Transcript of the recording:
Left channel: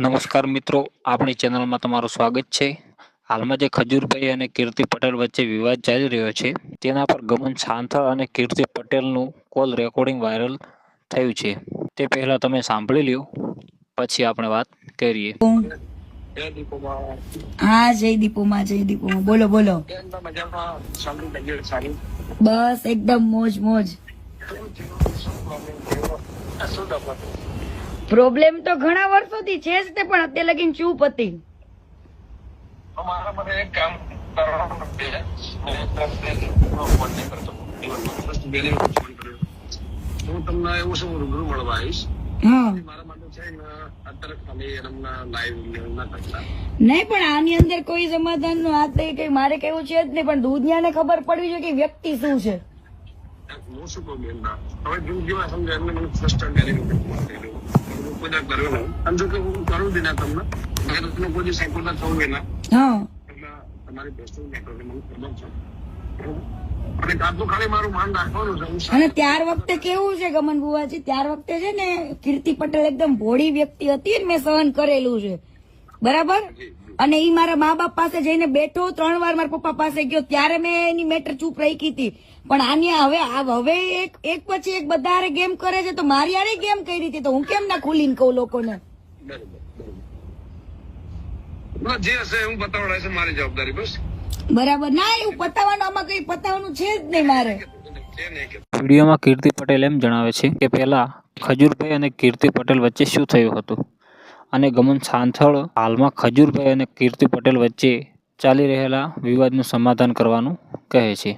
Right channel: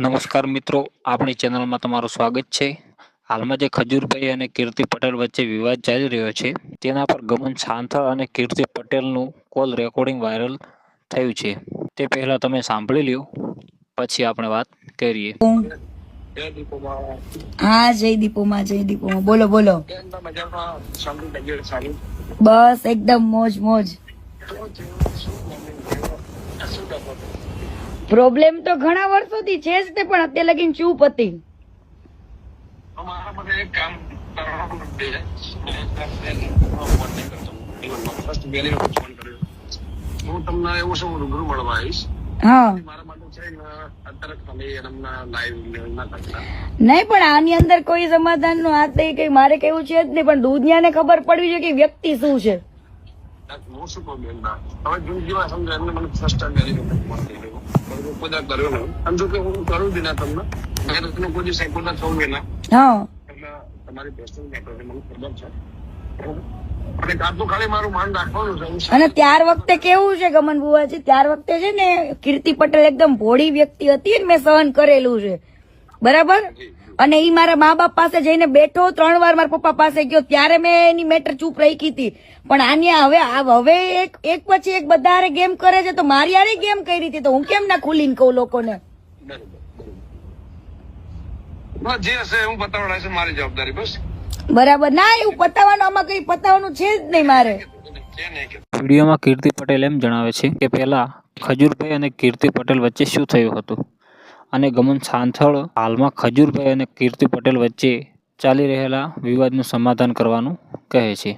નમસ્કાર મિત્રો, આપણી ચેનલમાં તમારું સ્વાગત છે. હાલમાં જે ખજૂરભાઈ અને કીર્તિ પટેલ વચ્ચે વિવાદ ચાલી રહ્યો છે, તેના પર ગમન સાંથળ અને કીર્તિ પટેલનું કોલ રેકોર્ડિંગ વાયરલ થયું છે. તે પહેલા તમે સાંભળી લ્યો, પછી આપણે વાત કરીએ. હા, જય દીપોમાં જય દીપોમાં. બોલો બોલો. બસ, એકદમ મોજ મોજ. પ્રોબ્લેમ તો ઘણા વર્ષોથી છે જ તે પણ અત્યારે લગીન ચૂપ હતી. હું તમને એવું શું રૂબરૂ મળવા આવીશ? ને ના નહીં પણ આની અંદર કોઈ સમાધાનનું હાથ નહીં કઈ મારે કેવું છે જ નહીં પણ દુનિયાને ખબર પડવી જોઈએ કે વ્યક્તિ શું છે. હું શું કહું બેન? હવે જેમ જેવા મને ફર્સ્ટ ટાઈમ બધા નહીં. અને જો કે હું કરું બી ના તમને. તમને કોઈ દિવસ ના થવું ના એટલે તમારી બેસ્ટ મને ખબર છે. અને તાતું ખાલી મારું માન રાખવાનું છે અને ત્યાર વખતે કેવું છે ગમન બુવાજી? ત્યાર વખતે છે ને કીર્તિ પટેલ એકદમ ભોળી વ્યક્તિ હતી ને મેં સહન કરેલું છે. બરાબર? અને એ મારા મા બાપ પાસે જઈને બેઠો ત્રણ વાર મારા પપ્પા પાસે ગયો ત્યારે મેં એની મેટર ચૂપ રહી હતી. પણ આની હવે આ હવે એક એક પછી એક બધા ગેમ કરે છે તો મારી આરી ગેમ કરી હતી તો હું કેમ ના ખુલીને કહું લોકોને? બરોબર બરોબર. બસ જે હશે હું છે મારી જવાબદારી બસ. બરાબર. ના એવું પતાવવાનું આમાં કઈ પતાવવાનું છે જ નહીં મારે. વિડીયોમાં કીર્તિ પટેલ એમ જણાવે છે કે પહેલા ખજૂરભાઈ અને કીર્તિ પટેલ વચ્ચે શું થયું હતું? અને ગમન સાંથળ હાલમાં ખજૂરભાઈ અને કીર્તિ પટેલ વચ્ચે ચાલી રહેલા વિવાદનું સમાધાન કરવાનું કહે છે.